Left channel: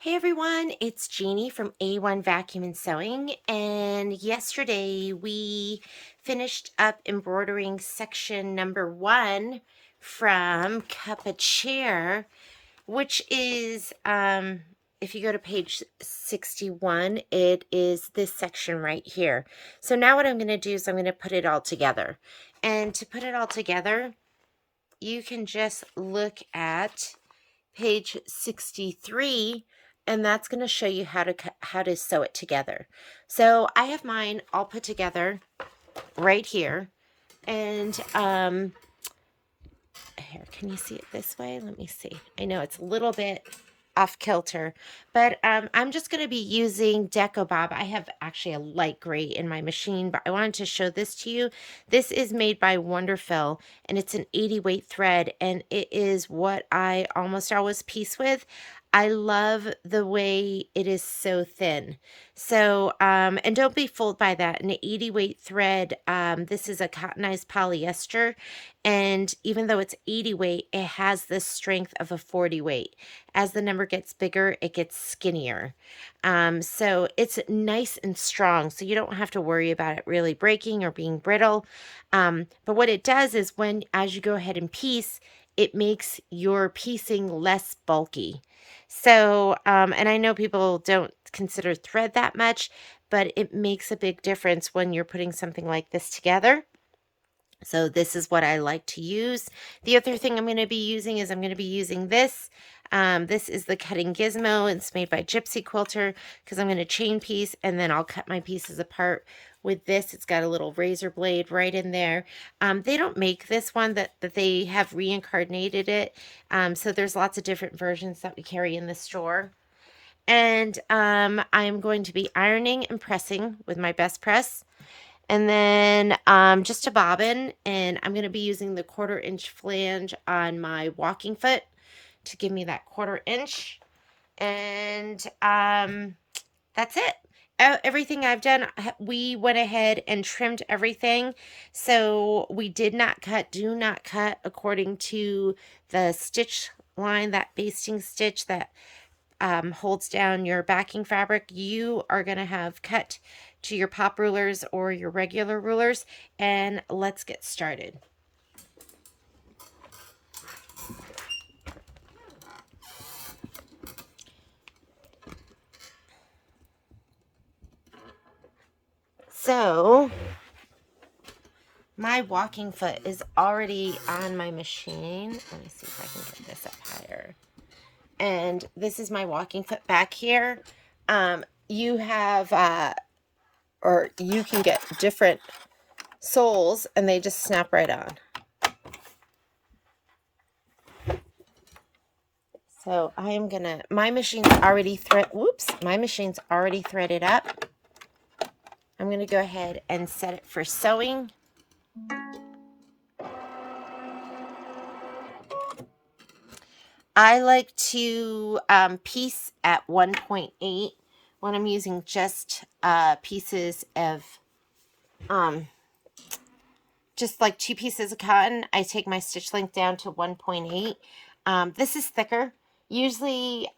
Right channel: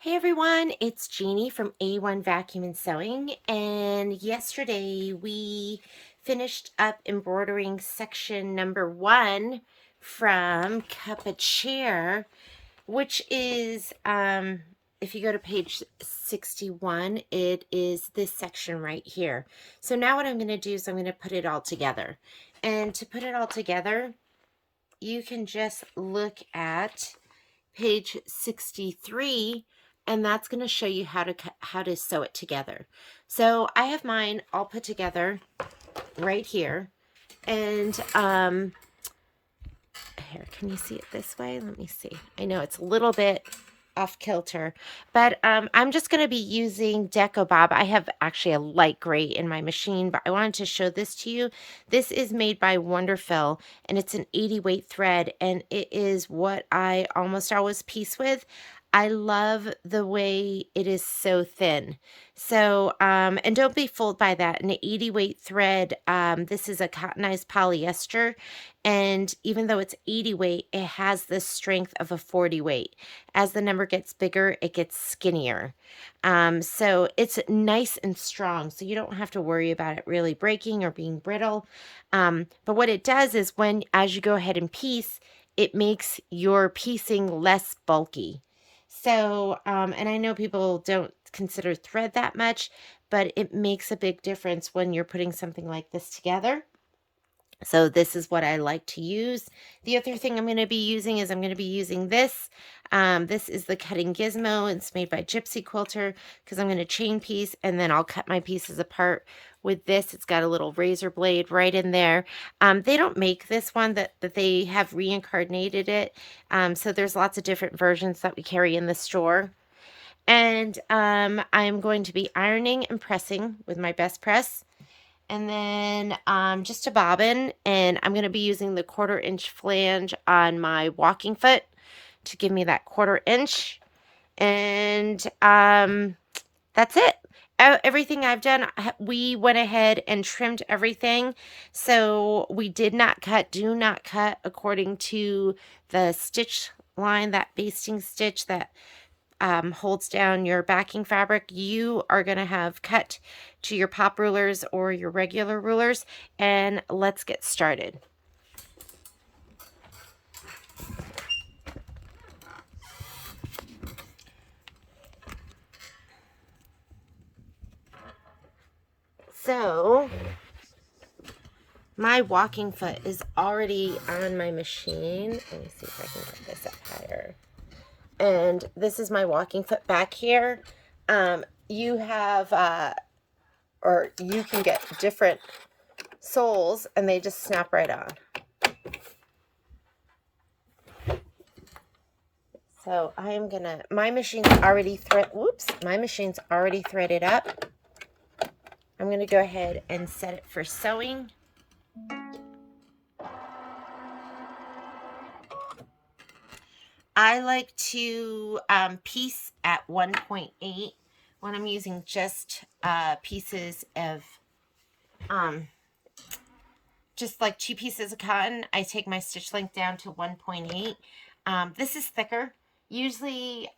Hey everyone, it's Jeannie from A1 Vacuum and Sewing, and yesterday we finished up embroidering section number 1 from Cup a Chair, which is if you go to page 61, it is this section right here. So now what I'm going to do is I'm going to put it all together. And to put it all together, you can just look at page 63, and that's going to show you how to sew it together. So I have mine all put together right here, and here, can you see it this way? Let me see. I know it's a little bit off kilter, but I'm just going to be using Deco Bob. I have actually a light gray in my machine, but I wanted to show this to you. This is made by Wonderfill, and it's an 80 weight thread, and it is what I almost always piece with. I love the way it is so thin. So, and don't be fooled by that. An 80 weight thread, this is a cottonized polyester, and even though it's 80 weight, it has the strength of a 40 weight. As the number gets bigger, it gets skinnier. So it's nice and strong, so you don't have to worry about it really breaking or being brittle. But what it does is as you go ahead and piece, it makes your piecing less bulky. So, and I know people don't consider thread that much, but it makes a big difference when you're putting something like this together. So this is what I like to use. The other thing I'm going to be using is I'm going to be using this. This is the cutting gizmo. It's made by Gypsy Quilter because I'm going to chain piece and then I'll cut my pieces apart with this. It's got a little razor blade right in there. They don't make this one that they have reincarnated it. So there's lots of different versions that we carry in the store. And I'm going to be ironing and pressing with my best press. And then just a bobbin, and I'm going to be using the 1/4 inch flange on my walking foot to give me that 1/4 inch. And that's it. Everything I've done, we went ahead and trimmed everything. So we did not cut, do not cut according to the stitch line, that basting stitch that holds down your backing fabric. You are going to have cut to your pop rulers or your regular rulers, and let's get started. So my walking foot is already on my machine. Let me see if I can get this up higher. And this is my walking foot back here. You have or you can get different soles and they just snap right on. So I'm gonna, my machine's already threaded up. I'm gonna go ahead and set it for sewing. I like to piece at 1.8 when I'm using just pieces of, just like 2 pieces of cotton. I take my stitch length down to 1.8. This is thicker. Usually,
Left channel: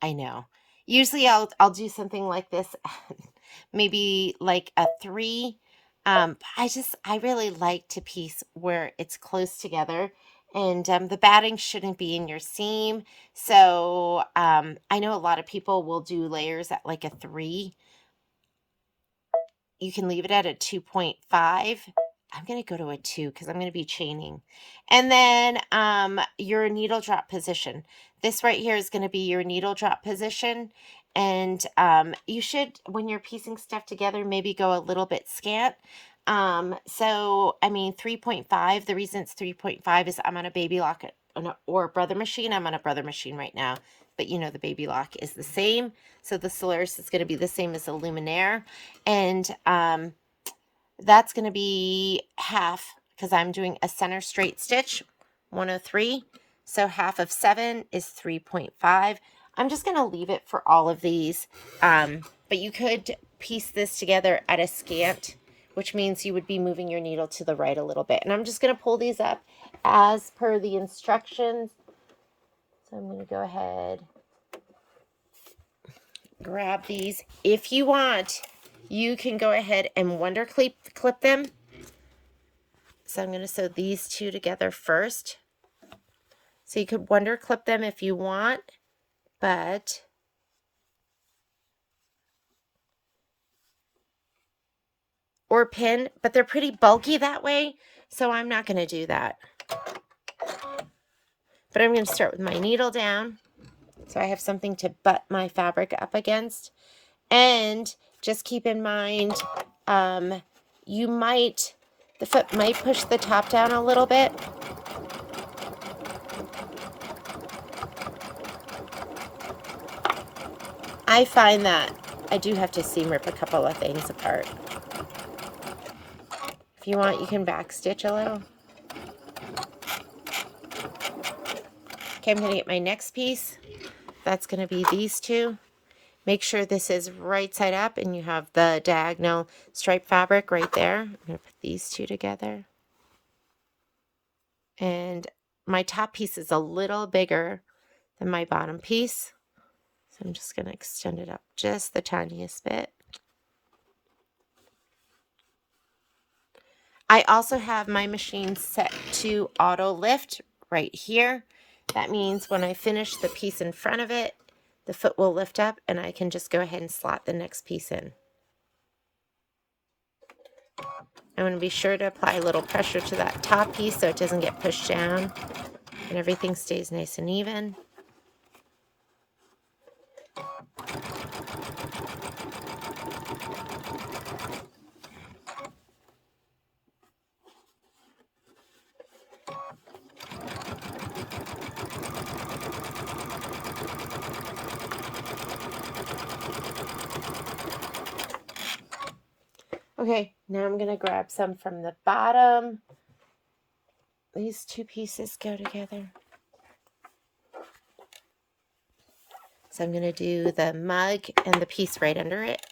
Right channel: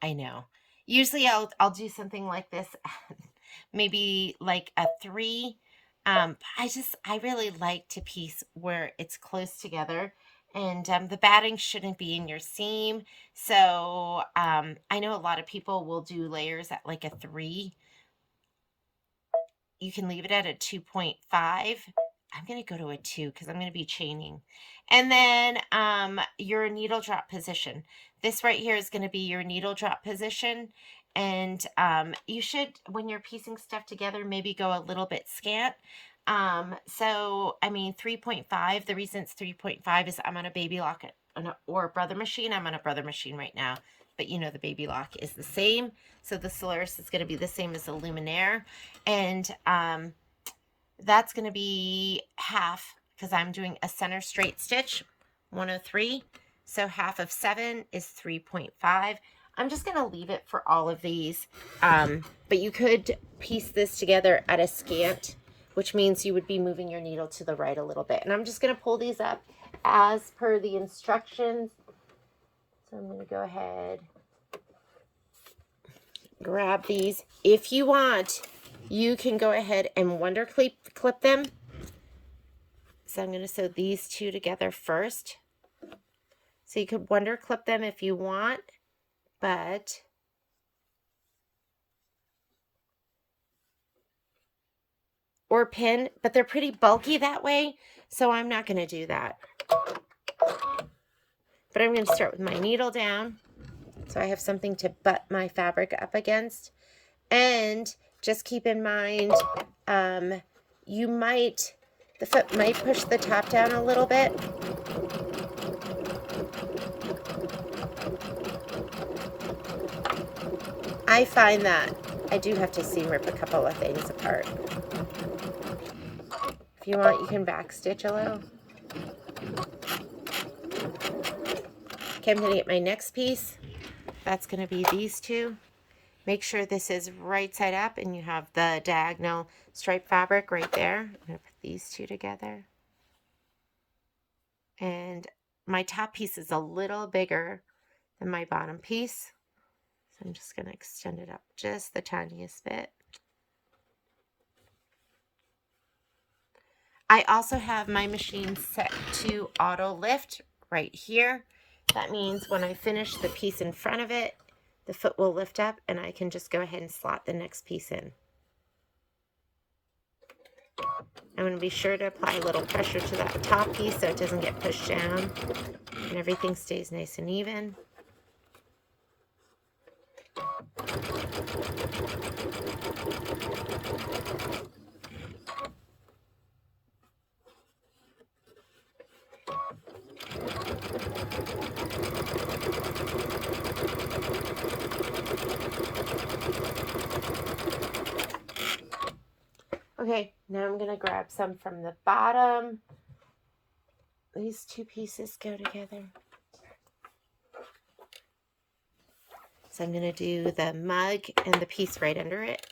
I know. Usually I'll do something like this, maybe like a 3. I really like to piece where it's close together, and the batting shouldn't be in your seam. So I know a lot of people will do layers at like a 3. You can leave it at a 2.5. I'm going to go to a 2 because I'm going to be chaining. And then your needle drop position. This right here is going to be your needle drop position. And you should, when you're piecing stuff together, maybe go a little bit scant. So, I mean, 3.5, the reason it's 3.5 is I'm on a baby lock or a brother machine. I'm on a brother machine right now. But you know, the baby lock is the same. So the Solaris is going to be the same as the Luminaire. And that's going to be half because I'm doing a center straight stitch, 103. So half of 7 is 3.5. I'm just going to leave it for all of these. But you could piece this together at a scant, which means you would be moving your needle to the right a little bit. And I'm just going to pull these up as per the instructions. So I'm going to go ahead grab these. If you want, you can go ahead and wonder clip them. So I'm going to sew these two together first. So you could wonder clip them if you want, but or pin, but they're pretty bulky that way, so I'm not going to do that. But I'm going to start with my needle down, so I have something to butt my fabric up against. And just keep in mind, the foot might push the top down a little bit. I find that I do have to seam rip a couple of things apart. If you want, you can back stitch a little. Okay, I'm going to get my next piece. That's going to be these two. Make sure this is right side up and you have the diagonal stripe fabric right there. I'm going to put these two together. And my top piece is a little bigger than my bottom piece. So I'm just going to extend it up just the tiniest bit. I also have my machine set to auto lift right here. That means when I finish the piece in front of it, the foot will lift up and I can just go ahead and slot the next piece in. I'm going to be sure to apply a little pressure to that top piece so it doesn't get pushed down and everything stays nice and even. Okay, now I'm going to grab some from the bottom. These two pieces go together. So I'm going to do the mug and the piece right under it.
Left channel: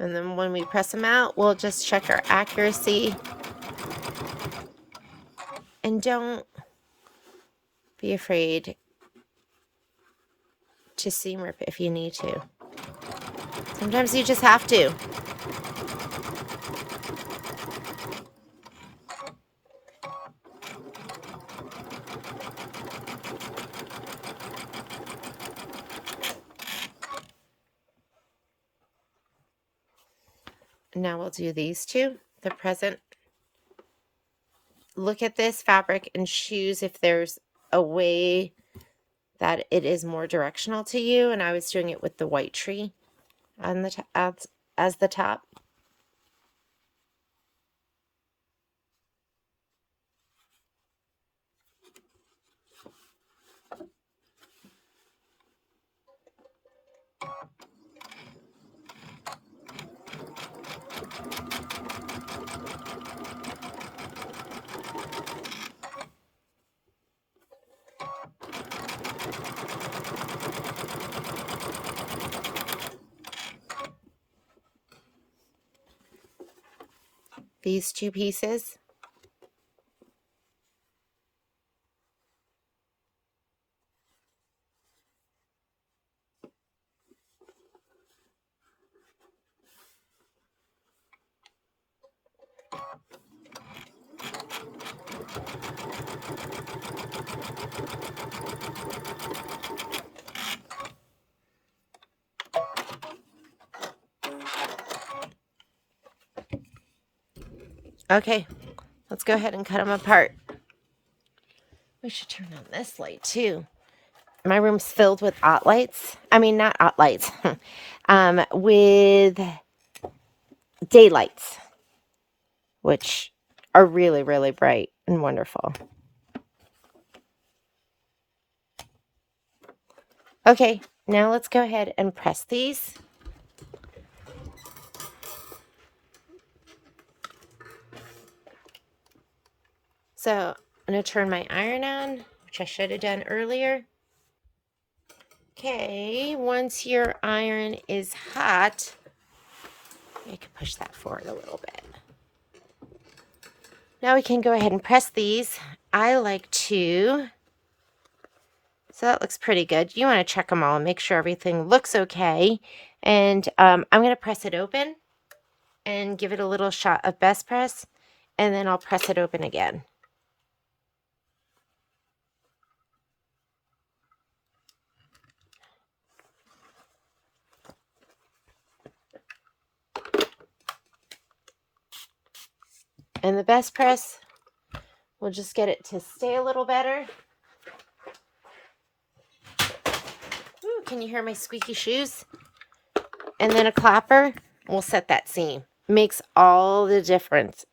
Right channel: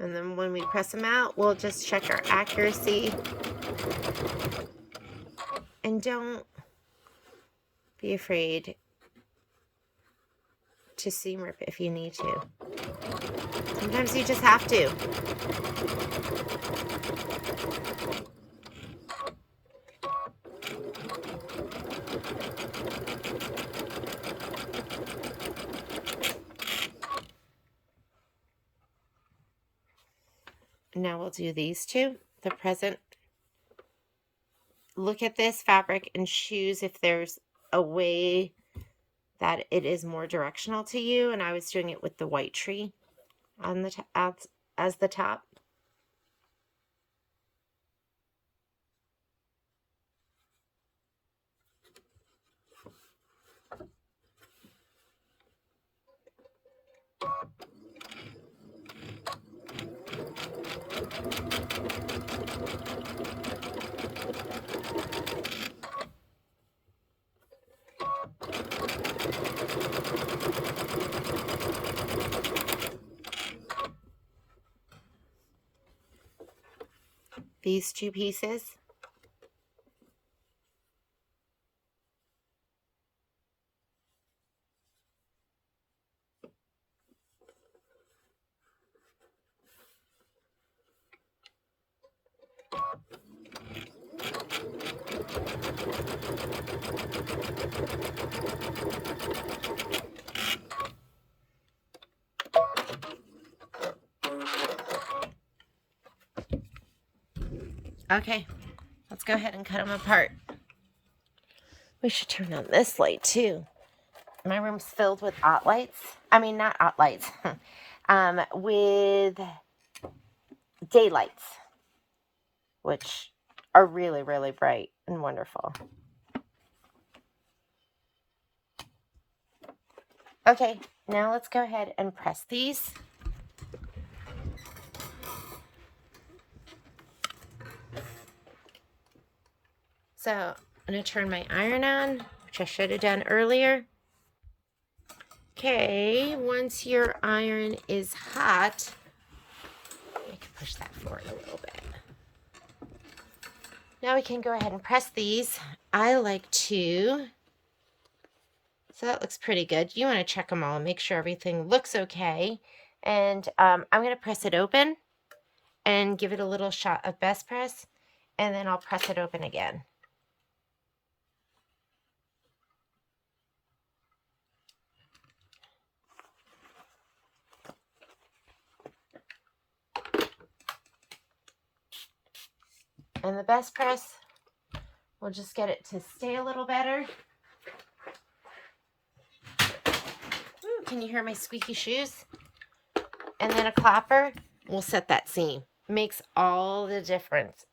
And then when we press them out, we'll just check our accuracy. And don't be afraid to seam rip if you need to. Sometimes you just have to. Now we'll do these two, the present. Look at this fabric and choose if there's a way that it is more directional to you. And I was doing it with the white tree on the as the top. These two pieces. Okay, let's go ahead and cut them apart. We should turn on this light too. My room's filled with ot lights. I mean, not ot lights, with daylights, which are really, really bright and wonderful. Okay, now let's go ahead and press these. So I'm going to turn my iron on, which I should have done earlier. Okay, once your iron is hot, I can push that forward a little bit. Now we can go ahead and press these. I like to, so that looks pretty good. You want to check them all and make sure everything looks okay. And I'm going to press it open and give it a little shot of best press, and then I'll press it open again. And the best press, we'll just get it to stay a little better. Ooh, can you hear my squeaky shoes? And then a clapper will set that seam. Makes all the difference.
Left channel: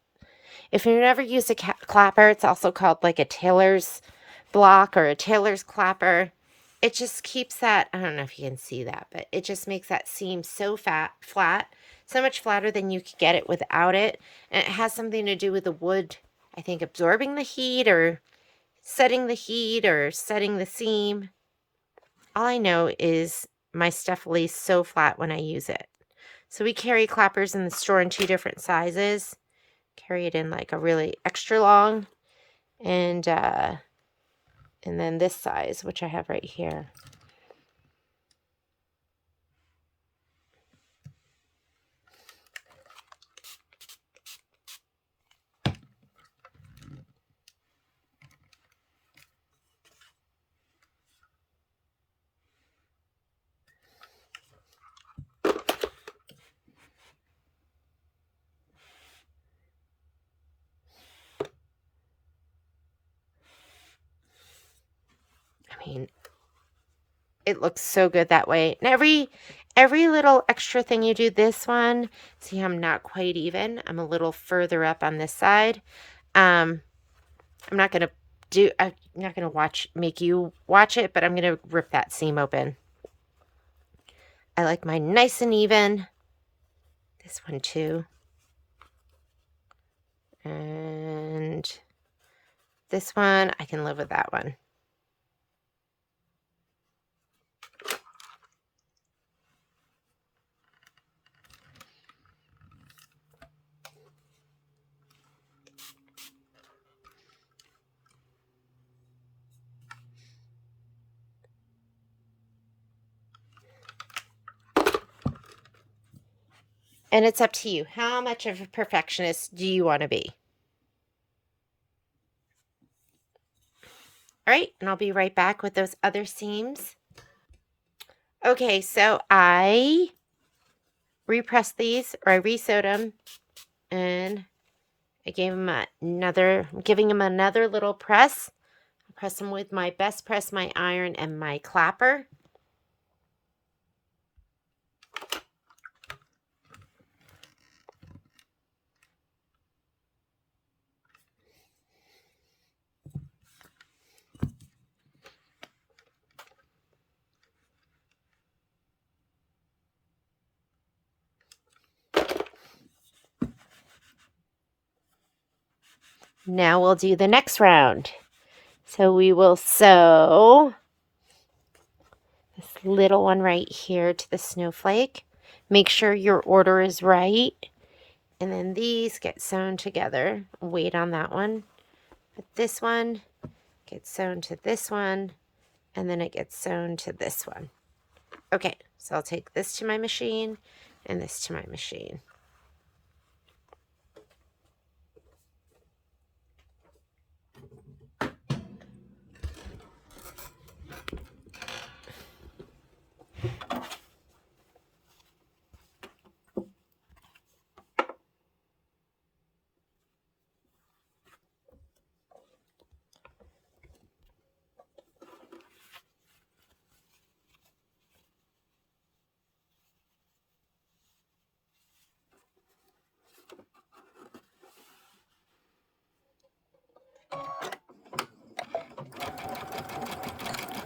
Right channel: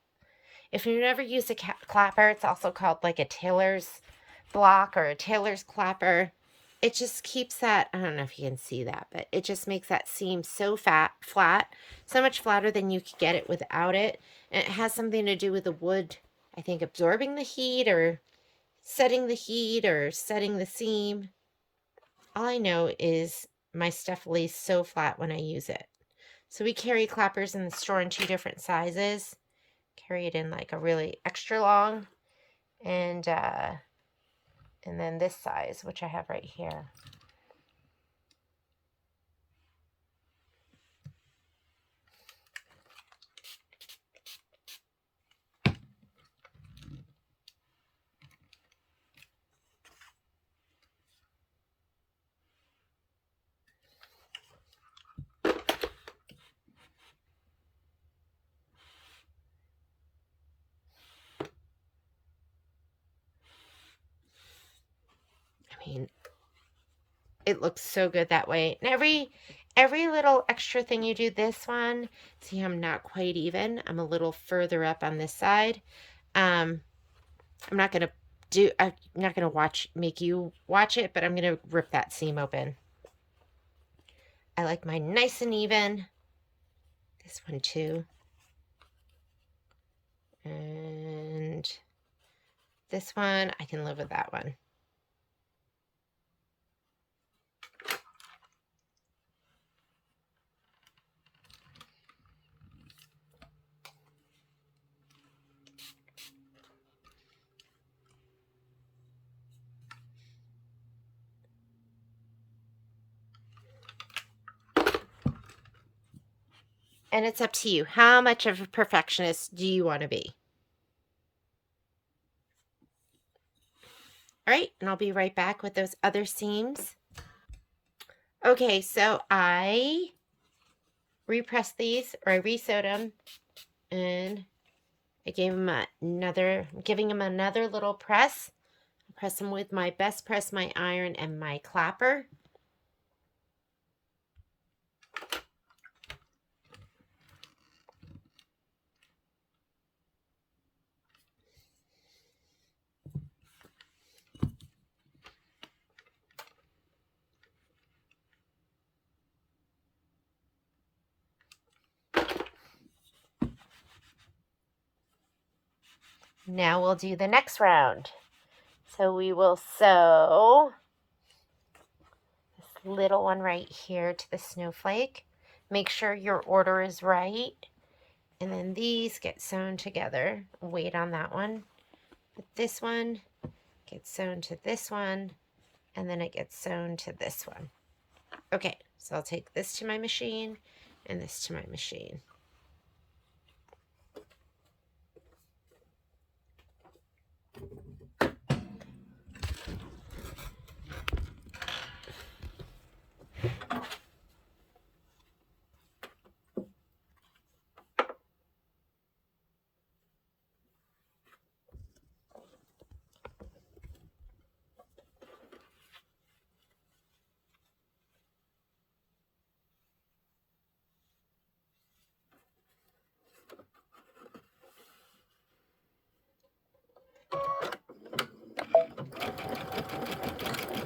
If you've never used a clapper, it's also called like a tailor's block or a tailor's clapper. It just keeps that, I don't know if you can see that, but it just makes that seam so flat, so much flatter than you could get it without it. And it has something to do with the wood, I think, absorbing the heat or setting the heat or setting the seam. All I know is my stuff lays so flat when I use it. So we carry clappers in the store in 2 different sizes. Carry it in like a really extra long and then this size, which I have right here. I mean, it looks so good that way. And every little extra thing you do, this one, see, I'm not quite even. I'm a little further up on this side. I'm not gonna make you watch it, but I'm gonna rip that seam open. I like mine nice and even. This one too. And this one, I can live with that one. And it's up to you. How much of a perfectionist do you want to be? All right, and I'll be right back with those other seams. Okay, so I repressed these, or I re-sewed them, and I gave them giving them another little press. I press them with my best press, my iron, and my clapper. Now we'll do the next round. So we will sew this little one right here to the snowflake. Make sure your order is right. And then these get sewn together. Wait on that one. But this one gets sewn to this one, and then it gets sewn to this one. Okay, so I'll take this to my machine and this to my machine.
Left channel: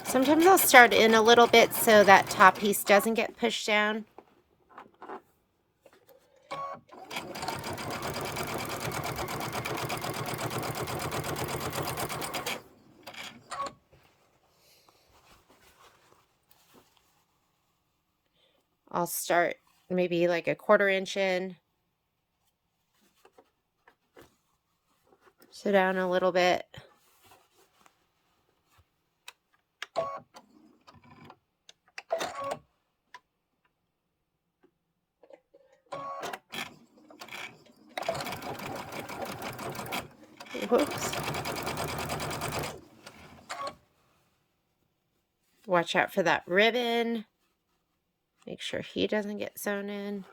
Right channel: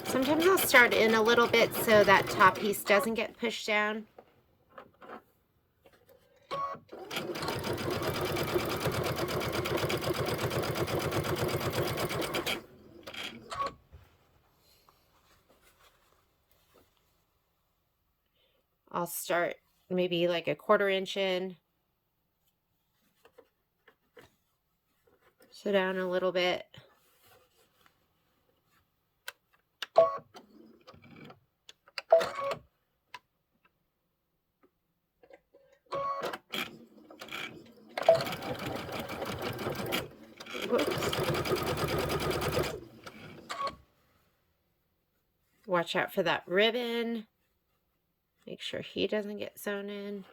Sometimes I'll start in a little bit so that top piece doesn't get pushed down. I'll start maybe like a 1/4 inch in. Sew down a little bit. Whoops. Watch out for that ribbon. Make sure he doesn't get sewn in.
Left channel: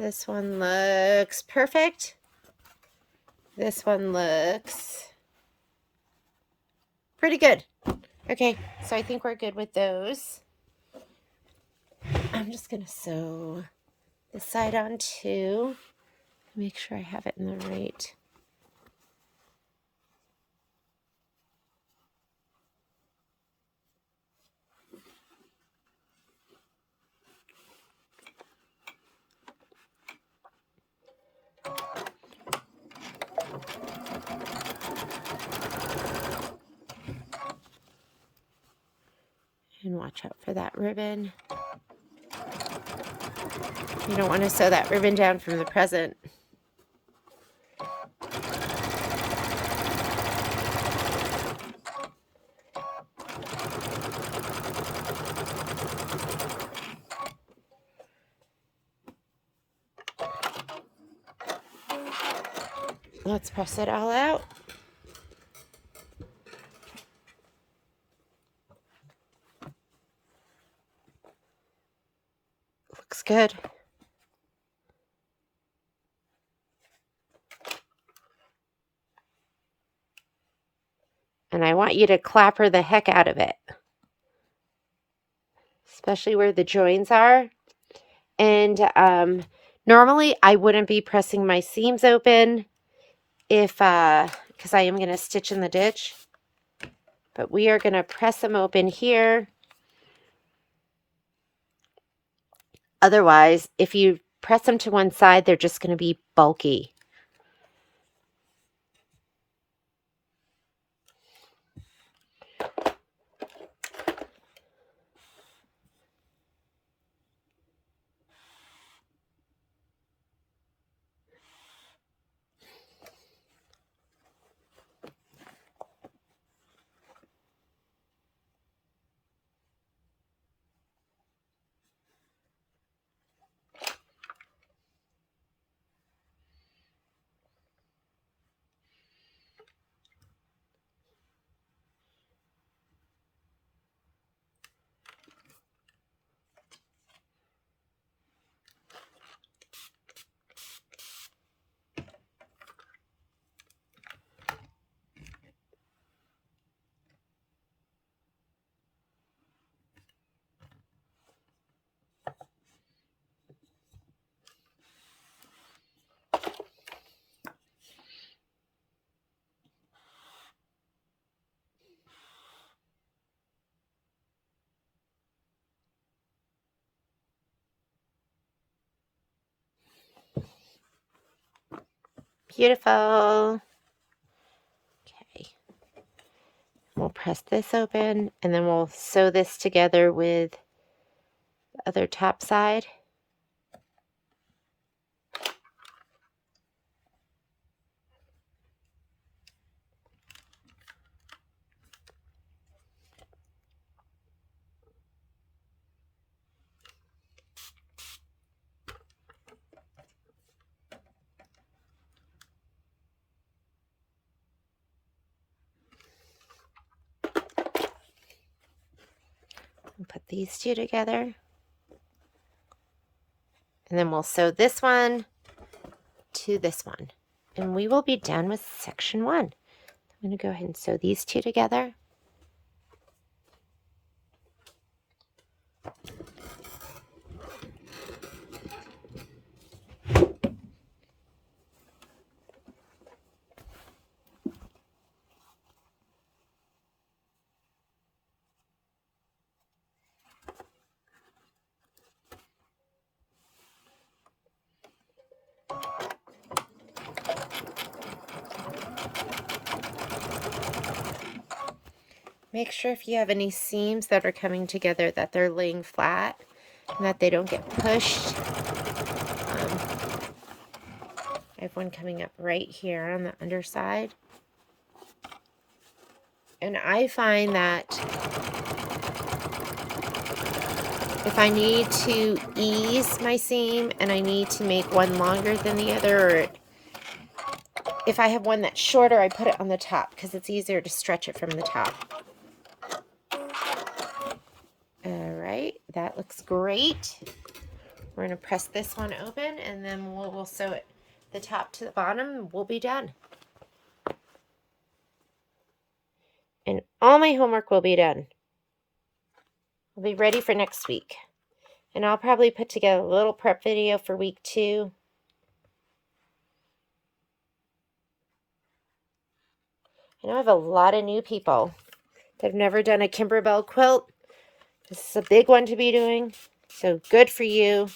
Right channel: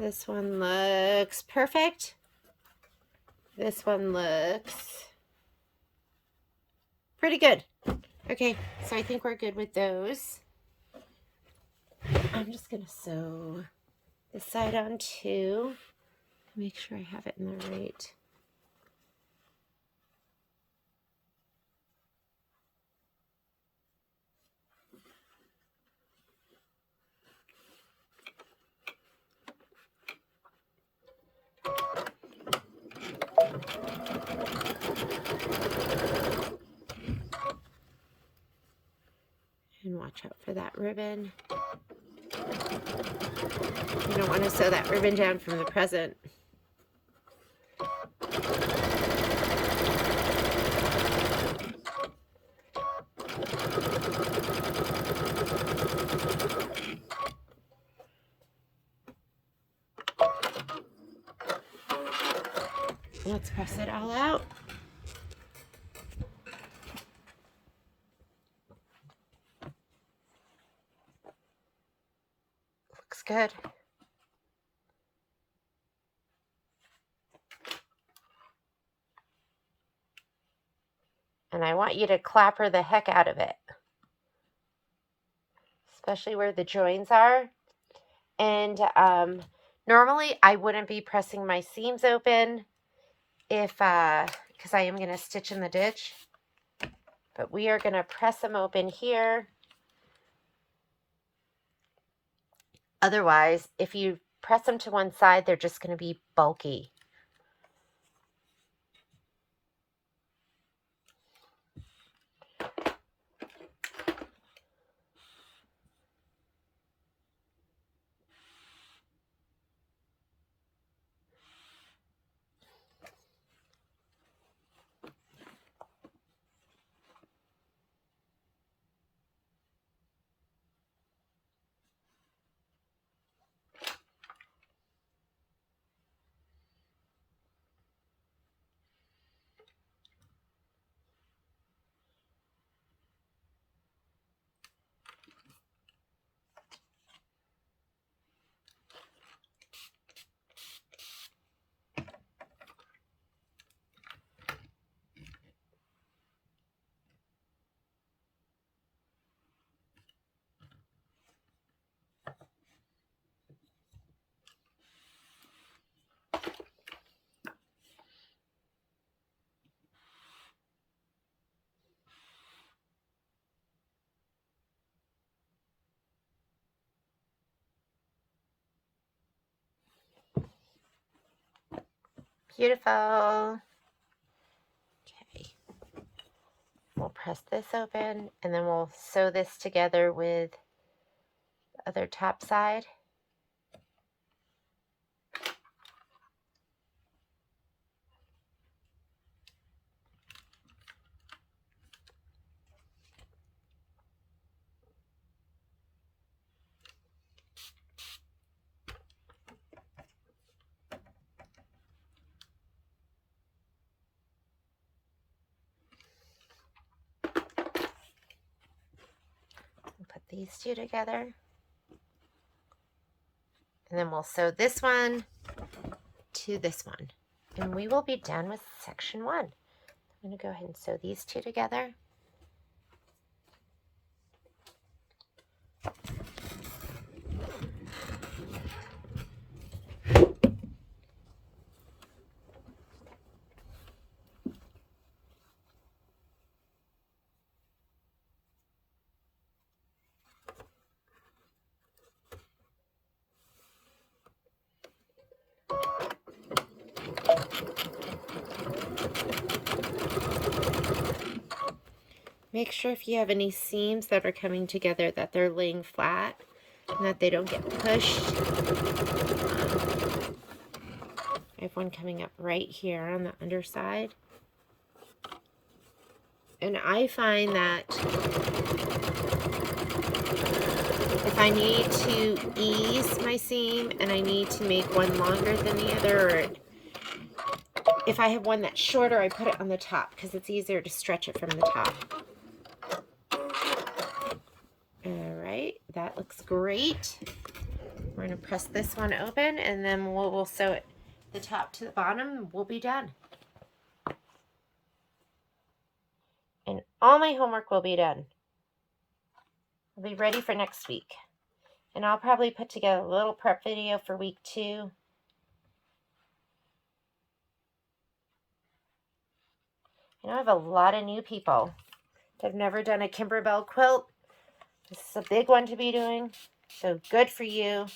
This one looks perfect. This one looks pretty good. Okay, so I think we're good with those. I'm just going to sew this side on too. Make sure I have it in the right. And watch out for that ribbon. You don't want to sew that ribbon down from the present. Let's press it all out. Looks good. And I want you to clapper the heck out of it, especially where the joins are. And normally I wouldn't be pressing my seams open if because I am going to stitch in the ditch, but we are going to press them open here. Otherwise, if you press them to one side, they're just going to be bulky. Beautiful. Okay. We'll press this open and then we'll sew this together with the other top side. Put these two together. And then we'll sew this one to this one. And we will be done with section 1. I'm going to go ahead and sew these two together. Make sure if you have any seams that are coming together that they're laying flat and that they don't get pushed. I have one coming up right here on the underside. And I find that if I need to ease my seam and I need to make one longer than the other, or if I have one that's shorter, I put it on the top because it's easier to stretch it from the top. All right, that looks great. We're going to press this one open and then we'll sew it the top to the bottom and we'll be done. And all my homework will be done. I'll be ready for next week. And I'll probably put together a little prep video for week 2. I know I have a lot of new people that have never done a Kimberbell quilt. This is a big one to be doing, so good for you.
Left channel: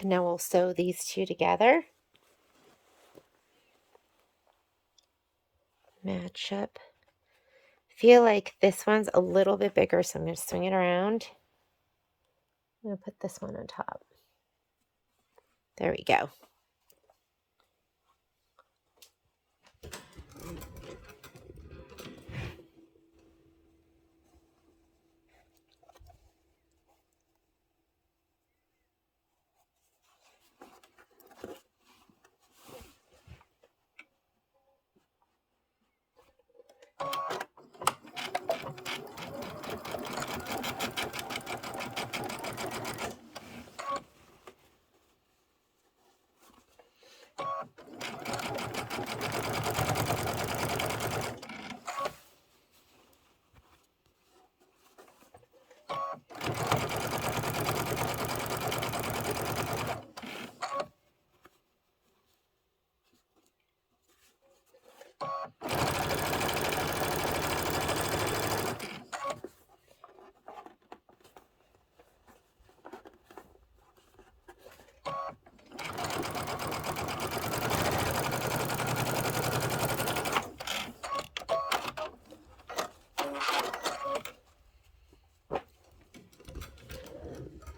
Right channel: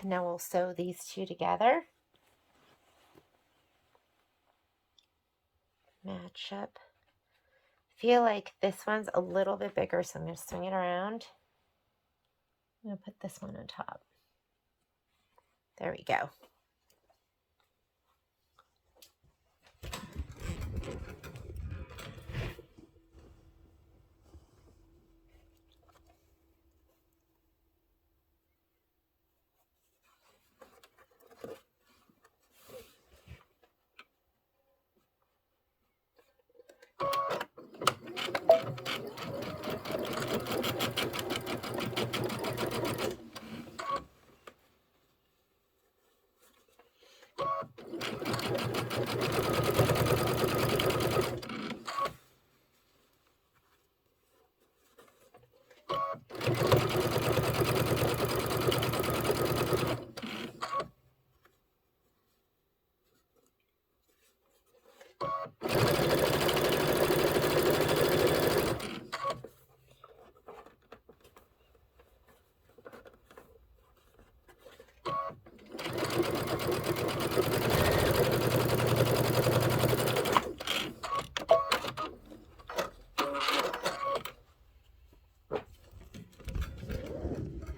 And now we'll sew these two together. Match up. Feel like this one's a little bit bigger, so I'm going to swing it around. I'm going to put this one on top. There we go.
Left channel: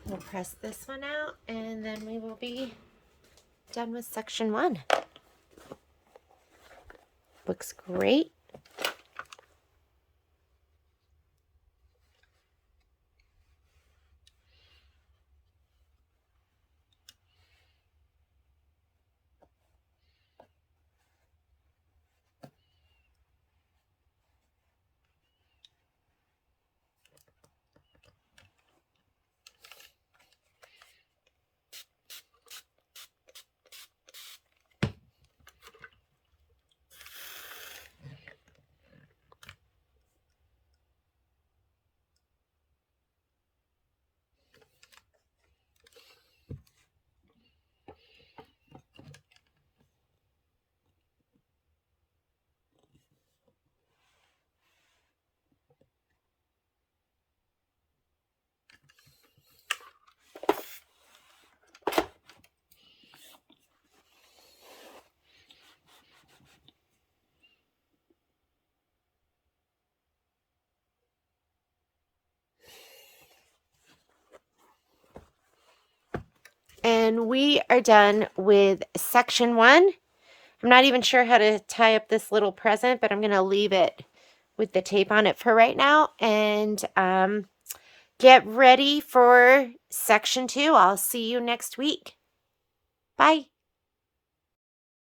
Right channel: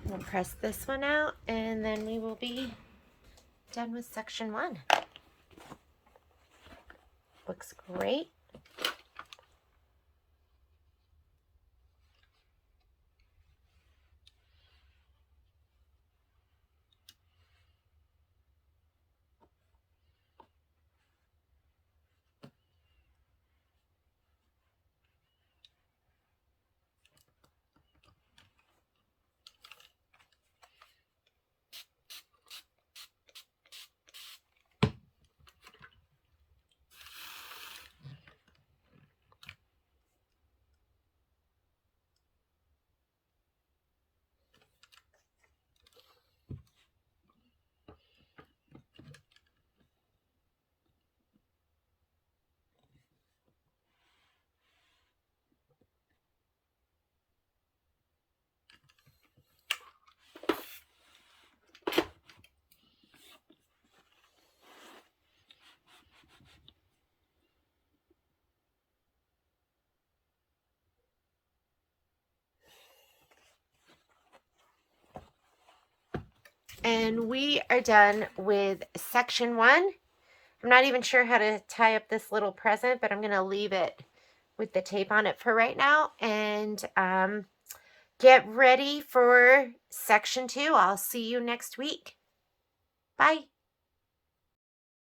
We'll press this one out and then we will be done with section 1. Looks great. And we are done with section 1. I'm not even sure how to tie up this little present, but I'm going to leave it with the tape on it for right now. And get ready for section 2. I'll see you next week. Bye.